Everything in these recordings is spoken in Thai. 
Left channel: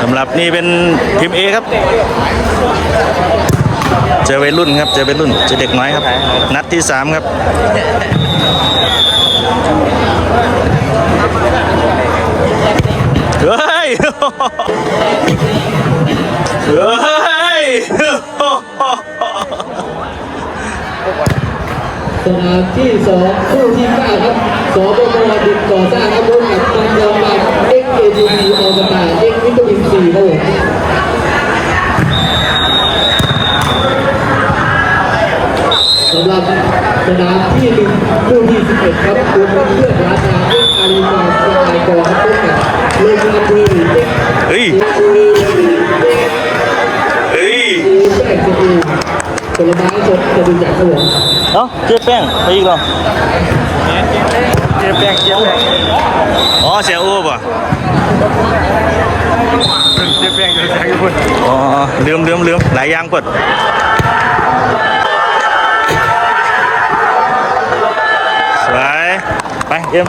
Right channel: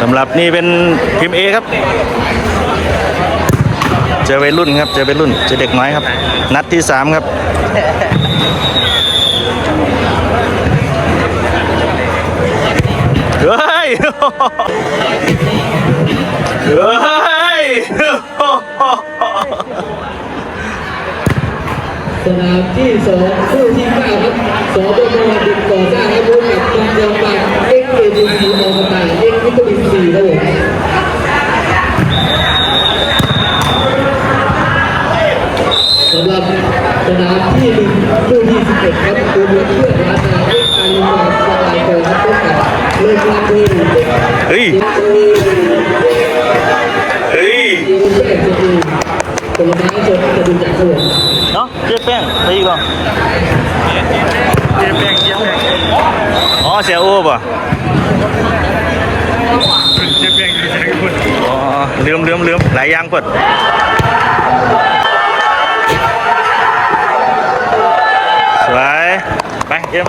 สำหรับนี่เป็นทีมเอครับ เจอวัยรุ่นครับ เจอวัยรุ่น เจอเด็กน้อยครับ นัดที่สามครับเฮ้ยเฮ้ยสนามที่สองคู่ที่ห้าครับสบมดินก่อสร้างครับรุ่นเอกบางยองบาเอ็กเอดี ที่หนึ่งคู่ที่สิบเอ็ดครับคุณเพื่อนราชาเอ็กอารีมาสกายกองครับพบกับโลกาบุรีเอ็ก เฮ้ย เฮ้ย แม่จะดีผลไม้สดจะดูจากครับผม เนาะเจ๊แป้งไปอีกเหรออ๋อเสียอ้วป่ะอ๋อลืมลืมลืมหลายอย่างกด ไปเอ็ม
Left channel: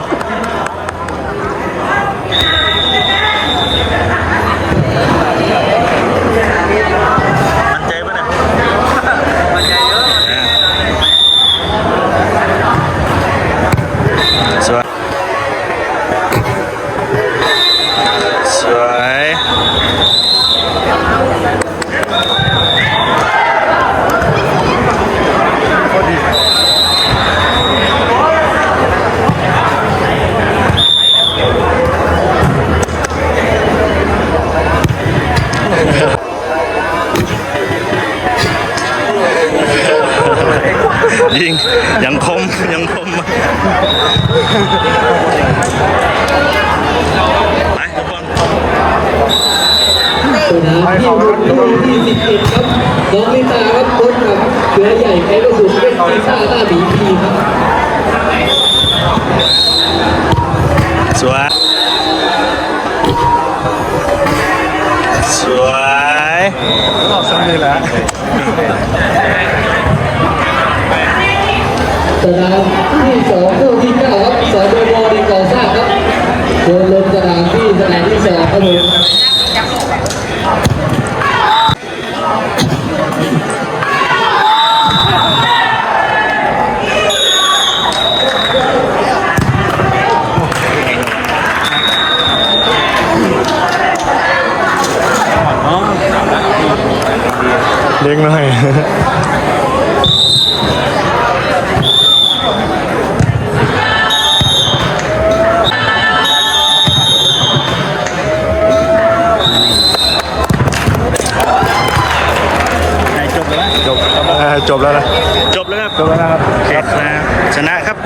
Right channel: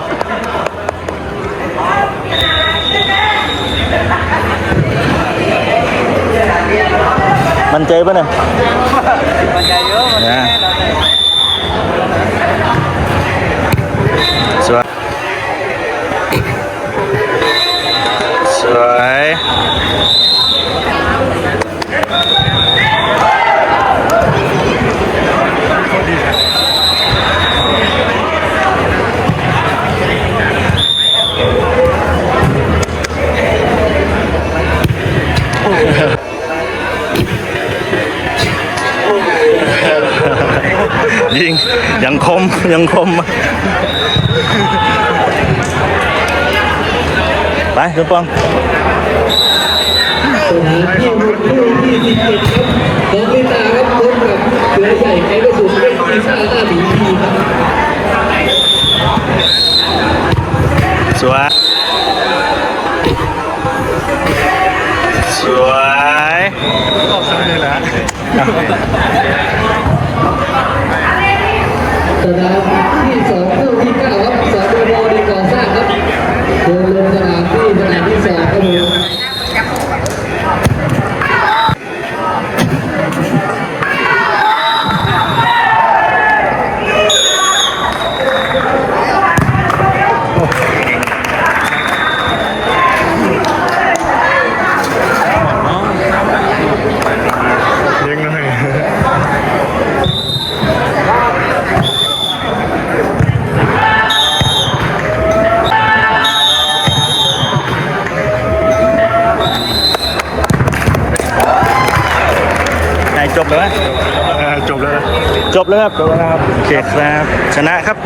มันใจปะเนี่ยนะสวยสวย ยิง ยังคม ยังคม ไปทุกคนสนามที่รุ่นคู่ที่สิบเอ็ดครับน้องลิตาครับพบกับเสือใหญ่ไกระสุนเป็นปีซ่าหน้าหมีพีครับสวยสวย सदा จบแล้วจบจบแล้วนะจบแล้วครับจบแล้วโอเคครับชนะครับ